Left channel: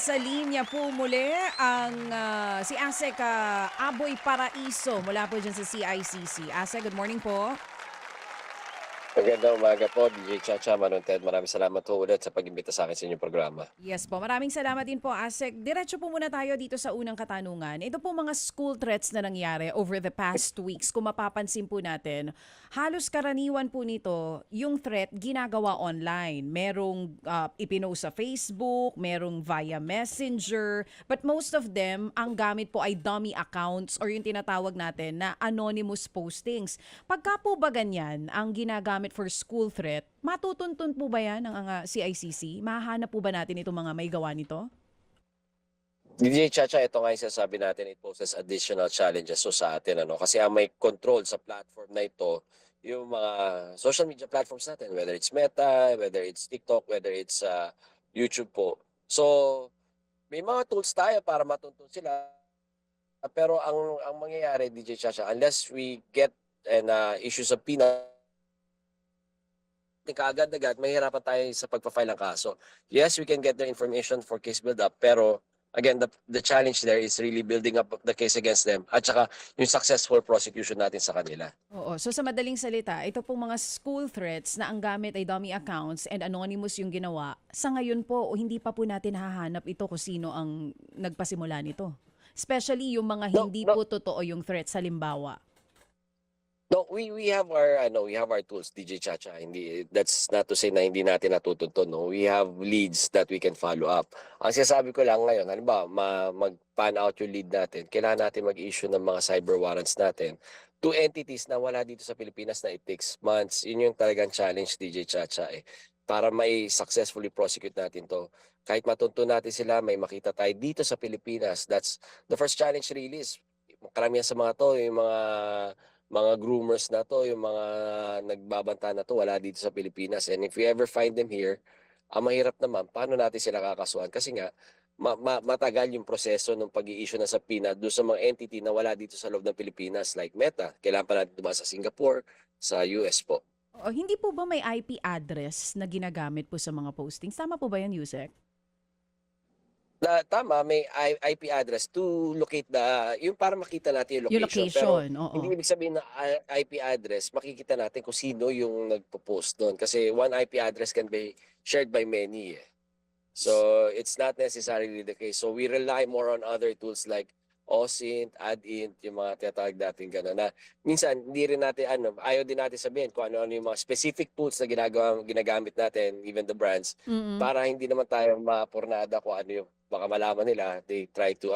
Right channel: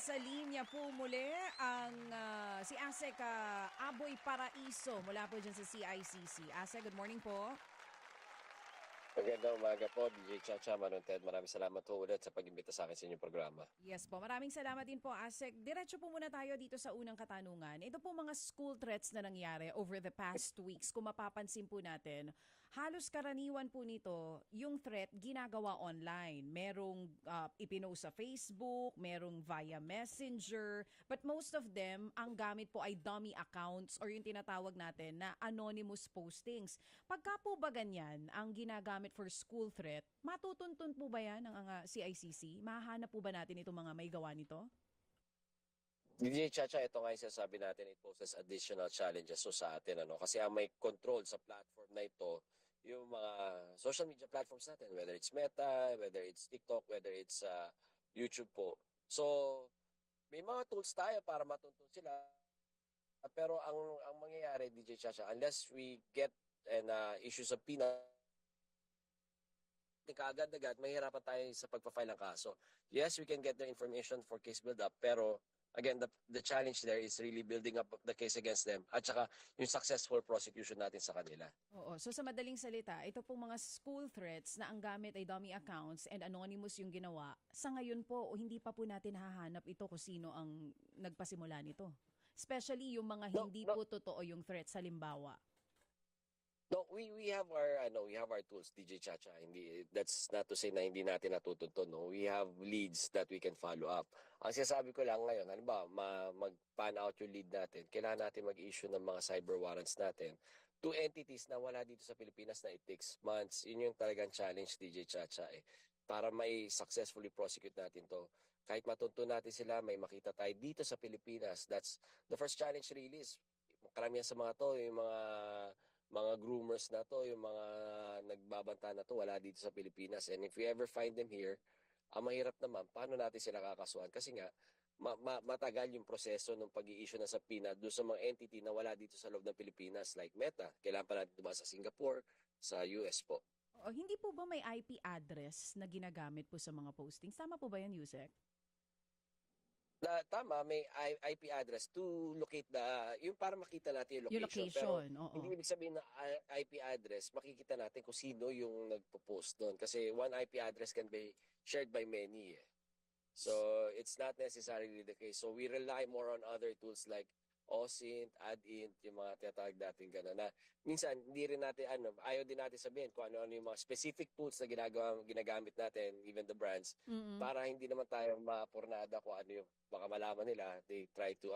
Nasa linya po muli ang si Asek Aboy Paraiso mula po dyan sa CICC. Asek, good morning po. Magandang umaga po, DJ Chacha, Manong Ted. Maraming salamat po ulit sa pag-imbita sa akin sa inyong programa. Yes po, maraming salamat din po Asek. Diretso po muna tayo dito sa unang katanungan. Ito po mga school threats na nangyari over the past weeks. Kung mapapansin po natin, halos karaniwan po nito, yung threat ginagawa online. Merong ipinost sa Facebook, merong via Messenger, but most of them, ang gamit po ay dummy accounts or yung tinatawag natin na anonymous postings. Pagka po ba ganyan ang ginagamit for school threat, matutuntun po ba yan ng CICC? Mahahanap po ba natin itong mga may gawa nito? DJ Chacha, ito nga yung sinasabi natin, it poses additional challenges so sa atin. Kasi ang may control sa platform na ito, yung mga social media platforms natin, whether it's Meta, whether it's TikTok, whether it's YouTube po. So, may mga tools tayo para matuntun sila. Pero ang mangyayari, DJ Chacha, unless we get and issue sa kaagad-agad, mahirapan tayo sa pagpa-file ng kaso. Yes, we can get their information for case build-up, pero again, the challenge there is really building up the case against them at saka yung successful prosecution natin sa kanila. Oo. So sa madaling salita, ito pong mga school threats na ang gamit ay dummy accounts and anonymous yung ginawa, sa ngayon po, hindi pa po natin hahanap ito kung sino ang nagpasimula nito. Especially yung mga No, hindi no, po totoo yung threats, halimbawa. no, we have our we have our tools, DJ Chacha. Hindi, that's not to say na hindi natin natutuntun, no. We have leads that we can follow up. Ang sinasabi ko lang ngayon, halimbawa, mag-pan out yung lead natin, kailangan natin mag-issue ng mga cyber warrants natin to entities na wala dito sa Pilipinas na it takes months. Yun yung talagang challenge, DJ Chacha, para may successfully prosecute natin to. Kahit matuntun natin sila, may makita tayo dito sa Pilipinas. That's the first challenge really is, karamihan sa mga to, yung mga groomers na to, yung mga nagbabanta na to, wala dito sa Pilipinas. And if we ever find them here, ang mahirap naman, paano natin sila kakasuhan? Kasi nga, matagal yung proseso ng pag-i-issue na subpoena doon sa mga entity na wala dito sa loob ng Pilipinas like Meta. Kailangan pa natin dumaan sa Singapore, sa US po. O, hindi po ba may IP address na ginagamit po sa mga postings? Tama po ba yan, Yusek? Tama, may IP address to locate yung para makita natin yung Yung location. Pero location, oo. hindi ibig sabihin na IP address, makikita natin kung sino yung nagpo-post doon. Kasi one IP address can be shared by many. So it's not necessarily the case. So we rely more on other tools like OSINT, AdInt, yung mga tinatawag natin gano'n. Na minsan, hindi rin natin, ayaw din natin sabihin kung ano yung mga specific tools na ginagamit natin, even the brands, Mm-mm. para hindi naman tayo mapurnada kung ano yung baka malaman nila, they try to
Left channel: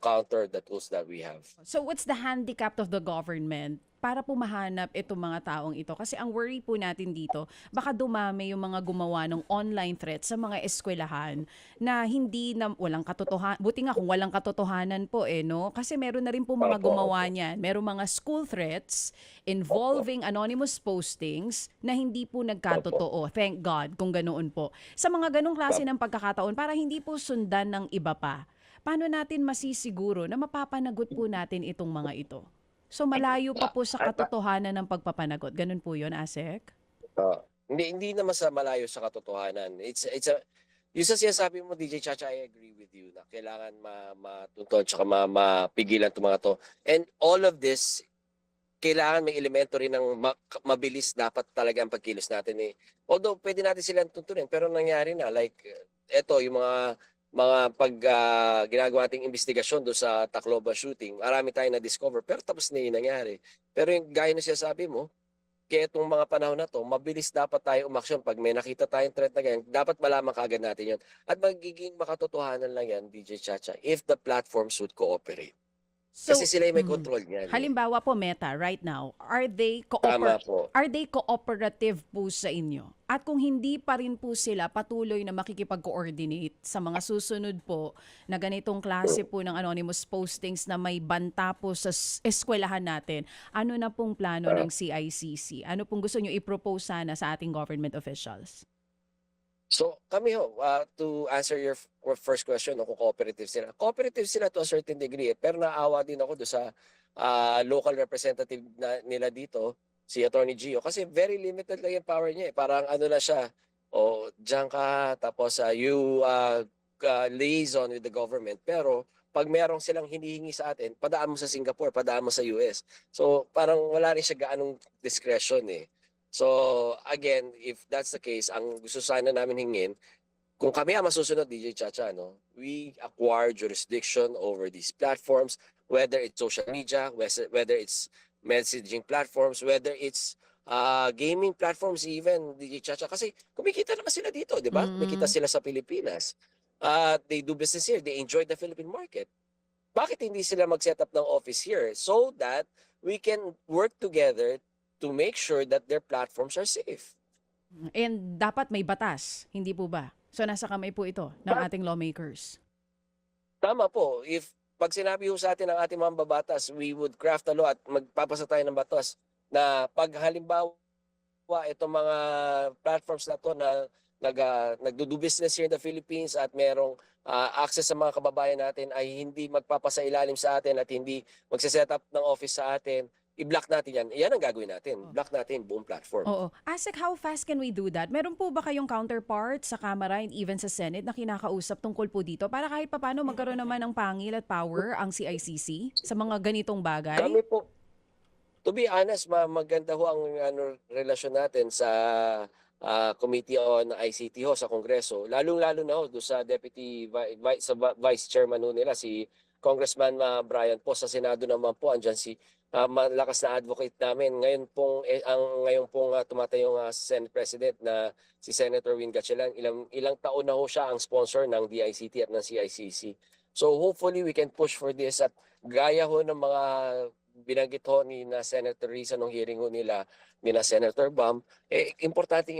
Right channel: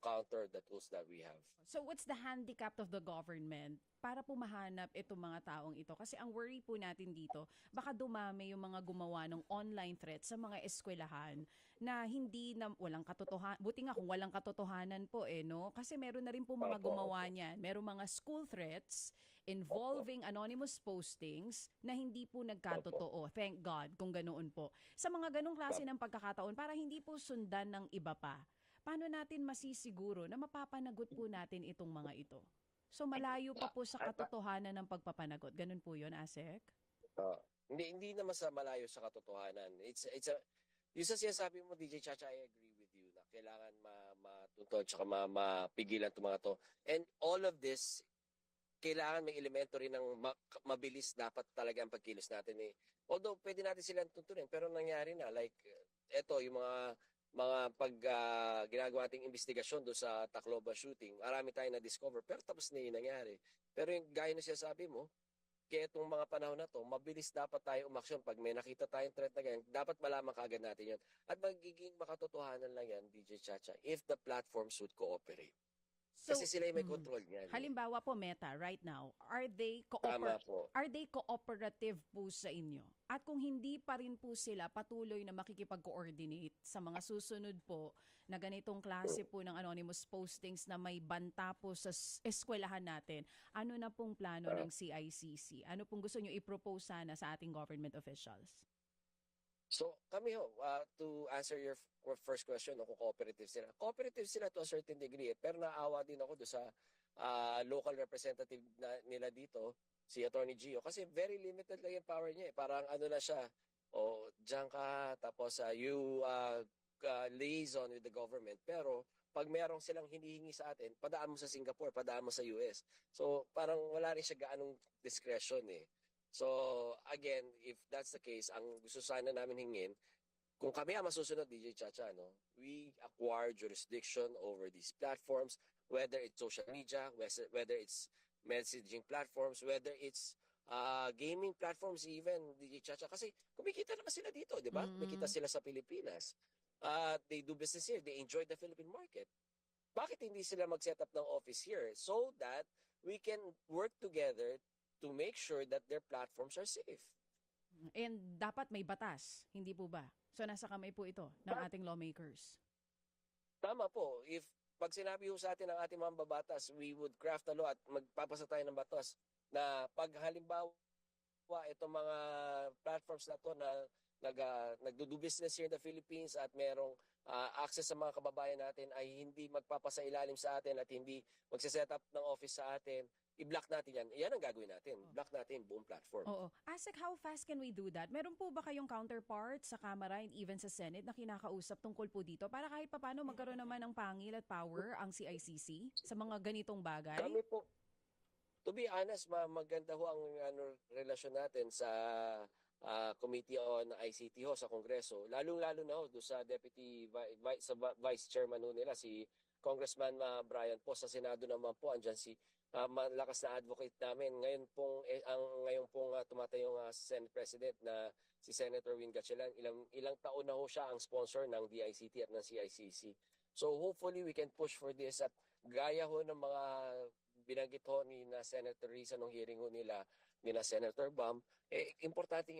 counter the tools that we have. So what's the handicap of the government para po mahanap itong mga taong ito? Kasi ang worry po natin dito, baka dumami yung mga gumawa ng online threats sa mga eskwelahan na hindi na walang katotohanan. Buti nga kung walang katotohanan po no? Kasi meron na rin po mga Opo, gumawa opo, niyan. Merong mga school threats opo, involving anonymous postings na hindi po opo, nagkatotoo. Thank God kung ganoon po. Sa mga ganong klase opo. ng pagkakataon, para hindi po sundan ng iba pa, paano natin masisiguro na mapapanagot po natin itong mga ito? So malayo pa po sa katotohanan ng pagpapanagot. Ganun po yun, Asek? Ah, hindi naman sa malayo sa katotohanan. Yung sa sinasabi mo, DJ Chacha, I agree with you na kailangan matuntun tsaka mapigilan itong mga to. And all of this, kailangan may elemento rin ng mabilis dapat talaga ang pagkilos natin. Although pwede natin silang tuntunin, pero nangyari na like eto yung mga ginagawa nating investigasyon do sa Tacloban shooting, marami tayong na-discover pero tapos na yung nangyari. Pero yung gaya na sinasabi mo, kaya itong mga panahon na to, mabilis dapat tayo umaksyon. Pag may nakita tayong threat na ganyan, dapat malaman kaagad natin yun. At magiging makatotohanan lang yan, DJ Chacha, if the platforms would cooperate. Kasi So, sila yung may control niyan. halimbawa po Meta right now, Tama po. are they cooperative po sa inyo? At kung hindi pa rin po sila patuloy na makikipag-coordinate sa mga susunod po na ganitong klase po ng anonymous postings na may banta po sa eskwelahan natin, ano na pong plano ng CICC? Ano pong gusto nyo i-propose sana sa ating government officials? So kami to answer your first question, kung cooperative sila. Cooperative sila to a certain degree, pero naawa din ako do sa local representative nila dito, si Attorney Gio, kasi very limited lang yung power niya. Parang ano na siya, o diyan ka, tapos you liaison with the government, pero pag merong silang hinihingi sa atin, padaan mo sa Singapore, padaan mo sa US. So parang wala rin siya gaanong discretion eh. So again, if that's the case, ang gusto sana namin hingin, kung kami ang masusunod, DJ Chacha, no, we acquire jurisdiction over these platforms, whether it's social media, whether it's messaging platforms, whether it's gaming platforms even, DJ Chacha. Kasi kumikita naman sila dito, di ba? Kumikita Mm. sila sa Pilipinas. They do business here. They enjoy the Philippine market. Bakit hindi sila mag-set up ng office here so that we can work together to make sure that their platforms are safe? And dapat may batas, hindi po ba? So nasa kamay po ito ng ating lawmakers. Tama po. If pag sinabi ho sa atin ng ating mga babatas, we would craft a law at magpapasa tayo ng batas na pag halimbawa itong mga platforms na to na nagdo-do business here in the Philippines at merong access sa mga kababayan natin ay hindi magpapasailalim sa atin at hindi magse-set up ng office sa atin, i-block natin yan. Yan ang gagawin natin. Block natin buong platform. Oo. ASEC, how fast can we do that? Meron po ba kayong counterpart sa Kamara and even sa Senate na kinakausap tungkol po dito para kahit papano magkaroon naman ng pangil at power ang CICC sa mga ganitong bagay? Kami po, to be honest, maganda ho ang relasyon natin sa Committee on ICT ho sa Kongreso. Lalong-lalo na ho doon sa Vice Chairman ho nila, si Congressman Brian po. Sa Senado naman po, andyan si malakas na advocate namin. Ngayon pong tumatayong Senate President na si Senator Win Gatchalian, ilang taon na ho siya ang sponsor ng DICT at ng CICC. So hopefully we can push for this at gaya ho ng mga binanggit ho ni na Senator Risa nung hearing ho nila ni na Senator Bam, importante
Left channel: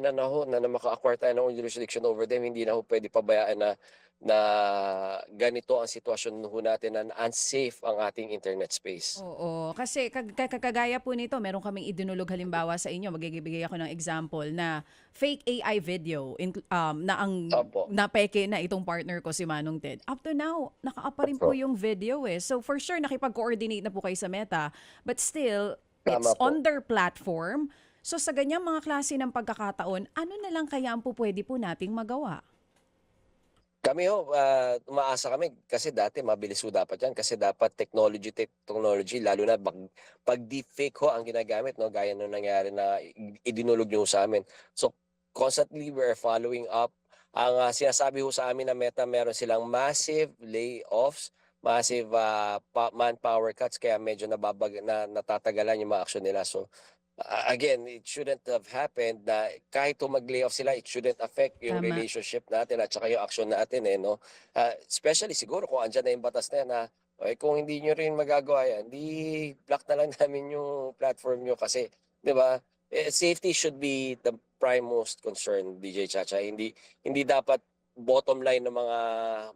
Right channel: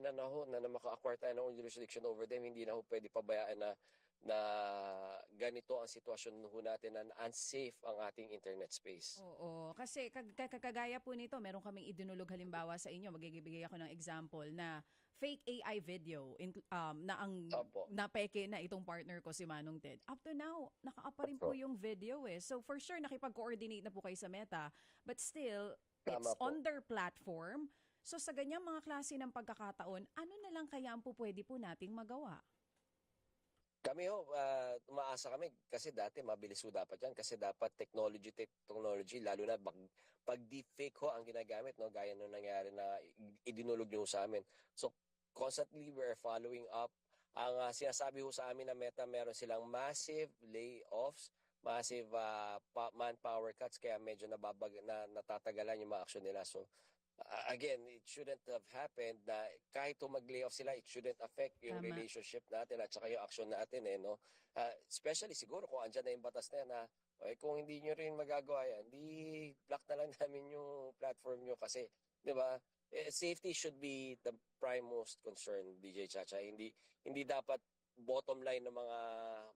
na na maka-acquire tayo ng jurisdiction over them. Hindi na ho pwede pabayaan na ganito ang sitwasyon ho natin na unsafe ang ating internet space. Oo, kasi kagaya po nito, meron kaming idinulog halimbawa sa inyo, magbibigay ako ng example na fake AI video na ang Opo. napeke na itong partner ko si Manong Ted. Up to now, nakaapa rin po yung video eh. So for sure, nakipag-coordinate na po kayo sa Meta, but still, it's Tama po. on their platform. So sa ganyang mga klase ng pagkakataon, ano na lang kaya ang po pwede po nating magawa? Kami ho, umaasa kami kasi dati mabilis ho dapat yan kasi dapat technology lalo na pag deepfake ho ang ginagamit, no, gaya nung nangyari na idinulog nyo sa amin. So constantly we're following up. Ang sinasabi ho sa amin na Meta, meron silang massive layoffs, massive manpower cuts kaya medyo natatagalan yung mga aksyon nila. So again, it shouldn't have happened na kahit mag-layoff sila, it shouldn't affect yung Tama. relationship natin at saka yung action natin eh, no? Especially siguro kung andyan na yung batas na yan na kung hindi nyo rin magagawa yan, di block na lang namin yung platform nyo kasi, di ba? Safety should be the prime most concern, DJ Chacha. Hindi dapat bottom line ng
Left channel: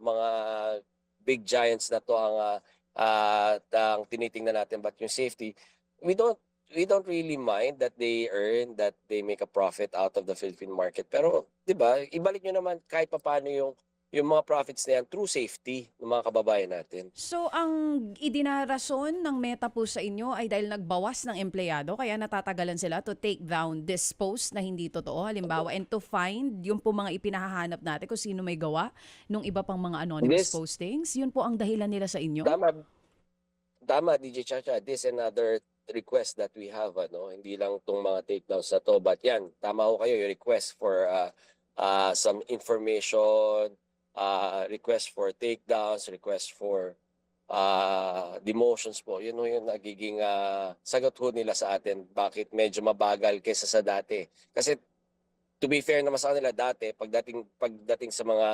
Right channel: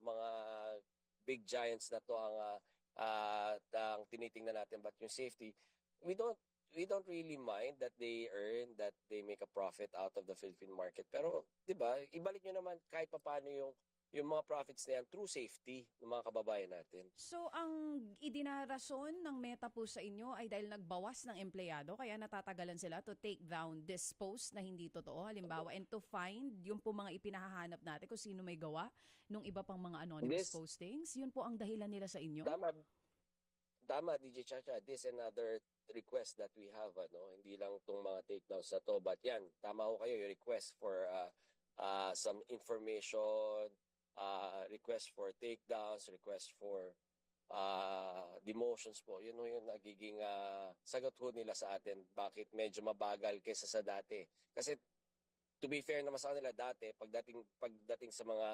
mga big giants na to ang tinitingnan natin, but yung safety, we don't really mind that they make a profit out of the Philippine market. Pero, 'di ba, ibalik nyo naman kahit papaano yung mga profits na yan through safety ng mga kababayan natin. So ang idinarason ng Meta po sa inyo ay dahil nagbawas ng empleyado kaya natatagalan sila to take down this post na hindi totoo halimbawa and to find yung po mga ipinahahanap natin kung sino may gawa nung iba pang mga anonymous postings. Yun po ang dahilan nila sa inyo? Tama, DJ Chacha. This another request that we have, hindi lang tong mga takedowns na to, but yan, tama ho kayo, yung request for some information, request for takedowns, request for demotions po. Yun ho yung nagiging sagot ho nila sa atin, bakit medyo mabagal kaysa sa dati. Kasi to be fair naman sa kanila dati, pagdating sa mga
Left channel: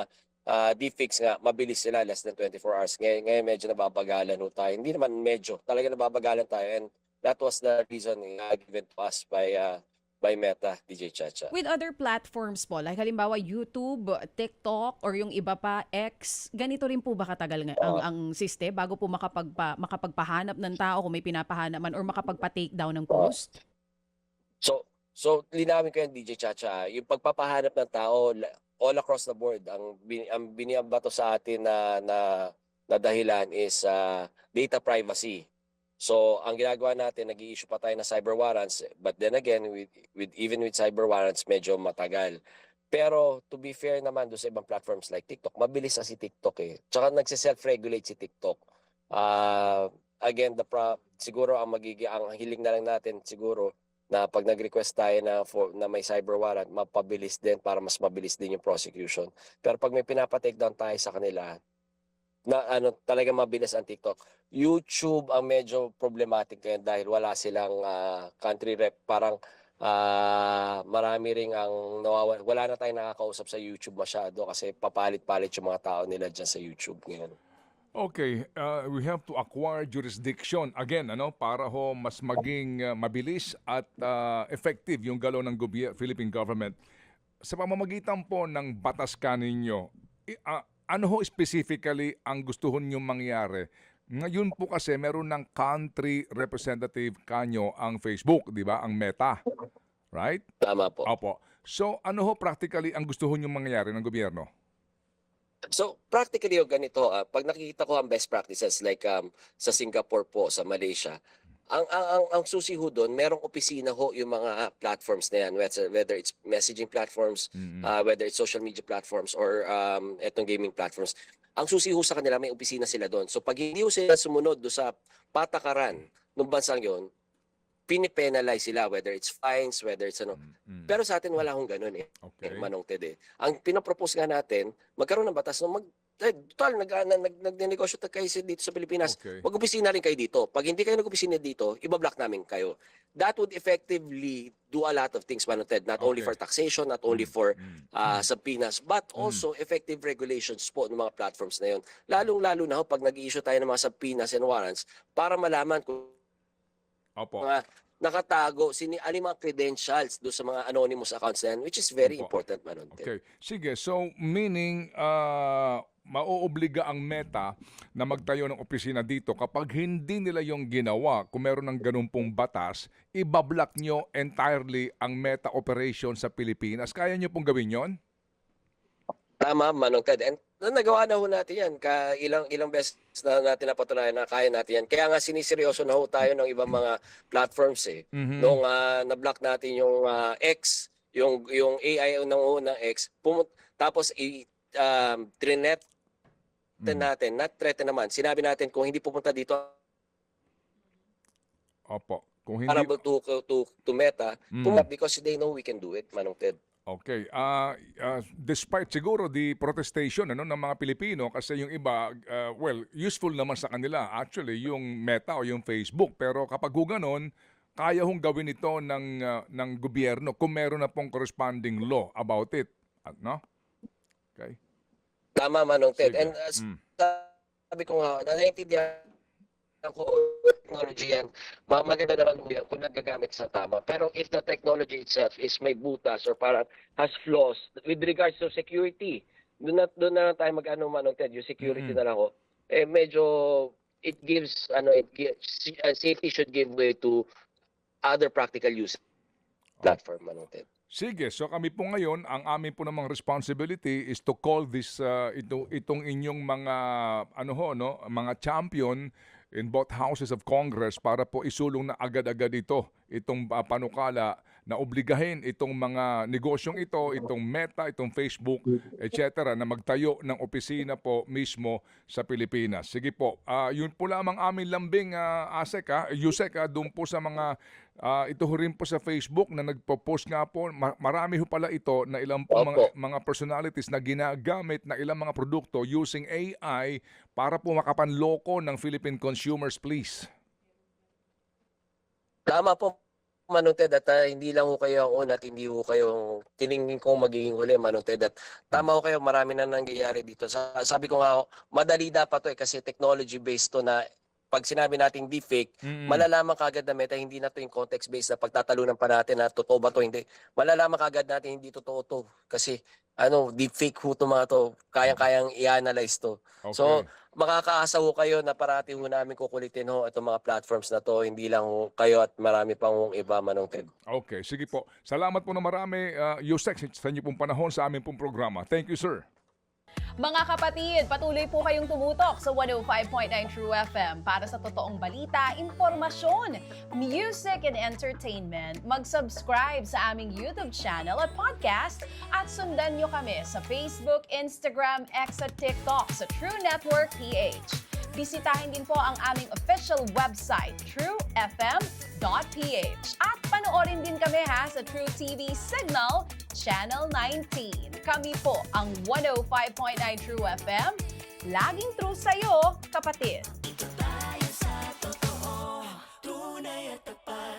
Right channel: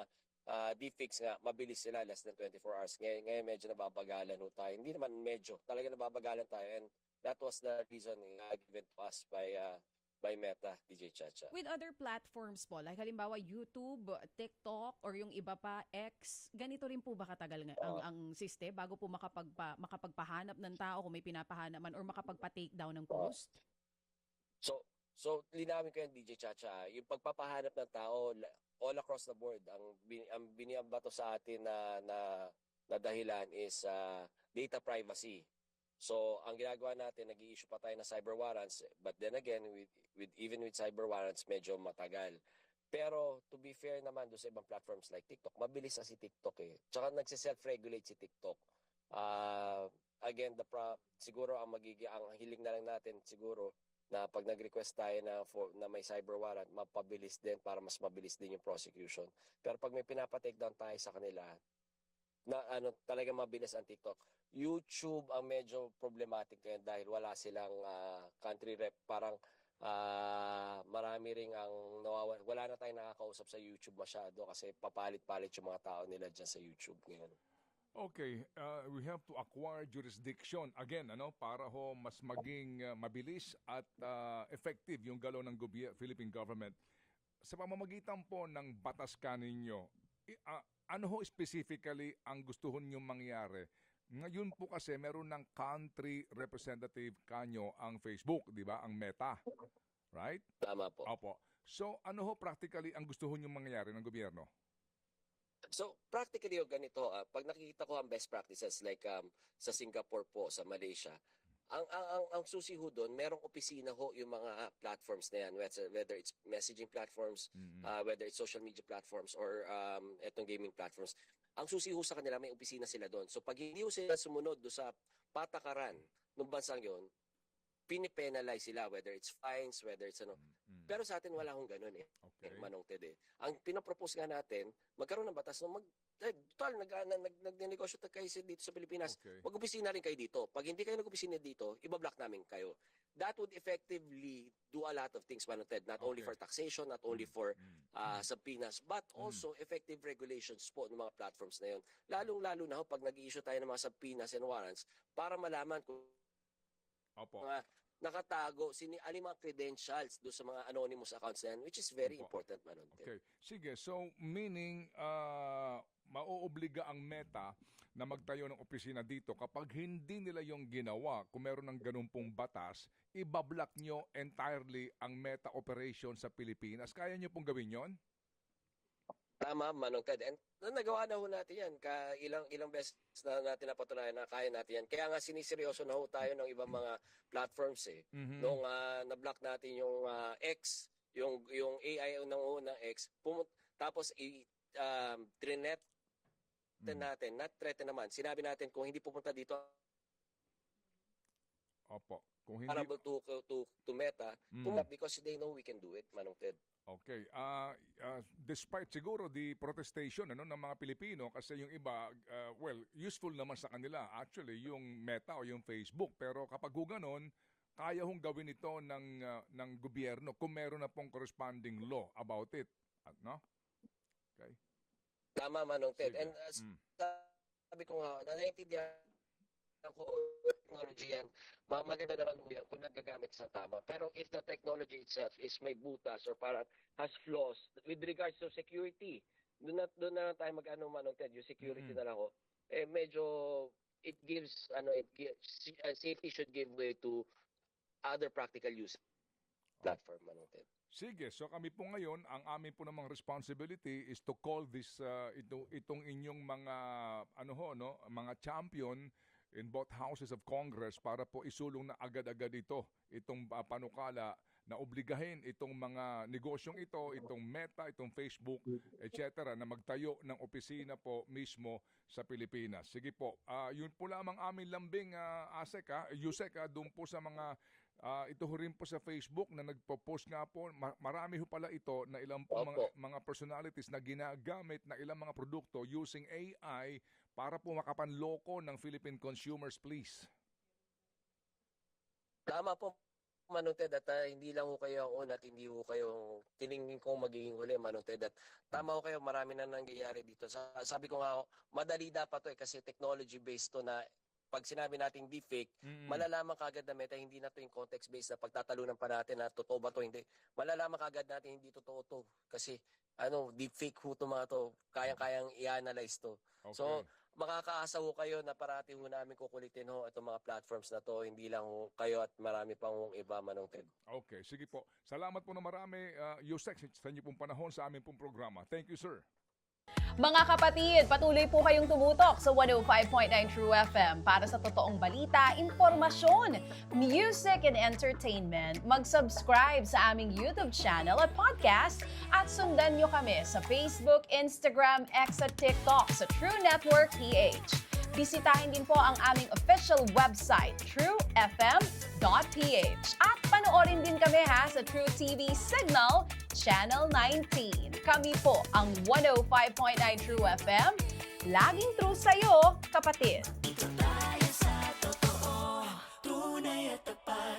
deepfakes nga, mabilis sila, less than 24 hours. Ngayon medyo nababagalan ho tayo. Hindi naman medyo, talaga nababagalan tayo, and that was the reason given to us by Meta, DJ Chacha. With other platforms po, like halimbawa YouTube, TikTok, or yung iba pa, X, ganito rin po ba katagal ang system bago po makapagpahanap ng tao kung may pinapahanap man or makapagpa-take down ng post? So linawin ko yan, DJ Chacha. Yung pagpapahanap ng tao all across the board, ang binibato sa atin na dahilan is data privacy. So ang ginagawa natin, nag-i-issue pa tayo ng cyber warrants, but then again, even with cyber warrants, medyo matagal. Pero to be fair naman doon sa ibang platforms like TikTok, mabilis na si TikTok eh. Tsaka nagse-self-regulate si TikTok. Again, siguro ang hiling na lang natin siguro na pag nag-request tayo na may cyber warrant, mapabilis din para mas mabilis din yung prosecution. Pero pag may pinapa-take down tayo sa kanila, na talaga mabilis ang TikTok. YouTube ang medyo problematic ngayon dahil wala silang country rep. Parang marami ring ang wala na tayong nakakausap sa YouTube masyado kasi papalit-palit yung mga tao nila dyan sa YouTube ngayon. Okay, we have to acquire jurisdiction again, para ho mas maging mabilis at effective yung galaw ng Philippine government. Sa pamamagitan po ng batas kaninyo, ano ho specifically ang gusto nyo mangyari? Ngayon po kasi meron ng country representative kanyo ang Facebook, di ba? Ang Meta, right? Tama po. Opo. So ano ho practically ang gusto nyo mangyari ng gobyerno? So practically yung ganito, pag nakikita ko ang best practices like sa Singapore po, sa Malaysia, ang susi ho doon, merong opisina ho yung mga platforms na yan, whether it's messaging platforms, whether it's social media platforms or etong gaming platforms. Ang susi ho sa kanila, may opisina sila doon. So pag hindi ho sila sumunod do sa patakaran ng bansang yon, pinipenalize sila, whether it's fines, whether it's Pero sa atin wala hong ganun eh. Okay. Manong Ted eh. Ang pinapropose nga natin, magkaroon ng batas na total, nagnegosyo kayo dito sa Pilipinas. Okay. Mag-opisina rin kayo dito. Pag hindi kayo nag-opisina dito, ibablock namin kayo. That would effectively do a lot of things, Manong Ted. Not only for taxation, not only for subpoenas, but also effective regulations po ng mga platforms na yun. Lalong-lalo na ho pag nag-i-issue tayo ng mga subpoenas and warrants para malaman kung Opo. mga nakatago, alin mga credentials do sa mga anonymous accounts na yan, which is very Opo. important, Manong Ted. Okay. Sige, so meaning mauobliga ang Meta na magtayo ng opisina dito kapag hindi nila yung ginawa, kung meron ng ganun pong batas, ibablock nyo entirely ang Meta operation sa Pilipinas. Kaya nyo pong gawin yon? Tama, Manong Ted. And nagawa na ho natin yan. Ilang beses na natin napatunayan na kaya natin yan. Kaya nga siniseryoso na ho tayo ng ibang mga platforms eh. Nung na-block natin yung X, yung AI ng unang X, tapos trinet natin, not threaten naman. Sinabi natin kung hindi pupunta dito Opo. Kung hindi... para to Meta, because they know we can do it, Manong Ted. Okay. Despite siguro the protestation ng mga Pilipino kasi yung iba, useful naman sa kanila actually yung Meta o yung Facebook. Pero kapag ganon, kaya hong gawin ito ng gobyerno kung meron na pong corresponding law about it. No? Okay. Tama, Manong Ted. Sige. And sabi ko nga, naiintindihan ko technology yan, maganda naman mo yan kung nagagamit sa tama. Pero if the technology itself is may butas or parang has flaws with regards to security, doon na tayo mag-ano, Manong Ted, yung security na lang ako, medyo safety should give way to other practical use platform, Manong Ted. Sige, so kami po ngayon, ang amin po namang responsibility is to call this itong inyong mga mga champion in both houses of Congress para po isulong na agad-agad itong panukala na obligahin itong mga negosyong itong Meta, itong Facebook, etc. na magtayo ng opisina po mismo sa Pilipinas. Sige po, yun po lamang aming lambing, Yusek, doon po sa mga ito rin po sa Facebook na nagpo-post nga po, marami ho pala ito na ilang po mga personalities na ginagamit na ilang mga produkto using AI para po makapanloko ng Philippine consumers, please. Tama po, Manong Ted, at hindi lang ho kayo ang una at hindi ho kayo tiningin kong magiging huli, Manong Ted. At tama ho kayo, marami na nangyayari dito. Sabi ko nga, madali dapat to kasi technology-based to na pag sinabi nating deepfake, malalaman kagad na Meta, hindi na to yung context-based na pagtatalunan pa natin na totoo ba to, hindi. Malalaman kagad natin hindi totoo to. Kasi deepfake ho to mga to, kayang-kayang i-analyze to. Okay. So, makakaasa ho kayo na parati ho namin kukulitin ho itong mga platforms na to, hindi lang ho kayo at marami pang iba, Manong Ted. Okay, sige po. Salamat po na marami, Yusek, sa inyo pong panahon sa aming pong programa. Thank you, sir. Mga kapatid, patuloy po kayong tumutok sa 105.9 True FM para sa totoong balita, impormasyon, music and entertainment. Mag-subscribe sa aming YouTube channel at podcast at sundan nyo kami sa Facebook, Instagram, X at TikTok sa True Network PH. Bisitahin din po ang aming official website, truefm.ph. At panoorin din kami sa True TV Signal, Channel 19. Kami po ang 105.9 True FM. Laging true sa'yo, kapatid. Tayo sa totoo, tunay at tapat.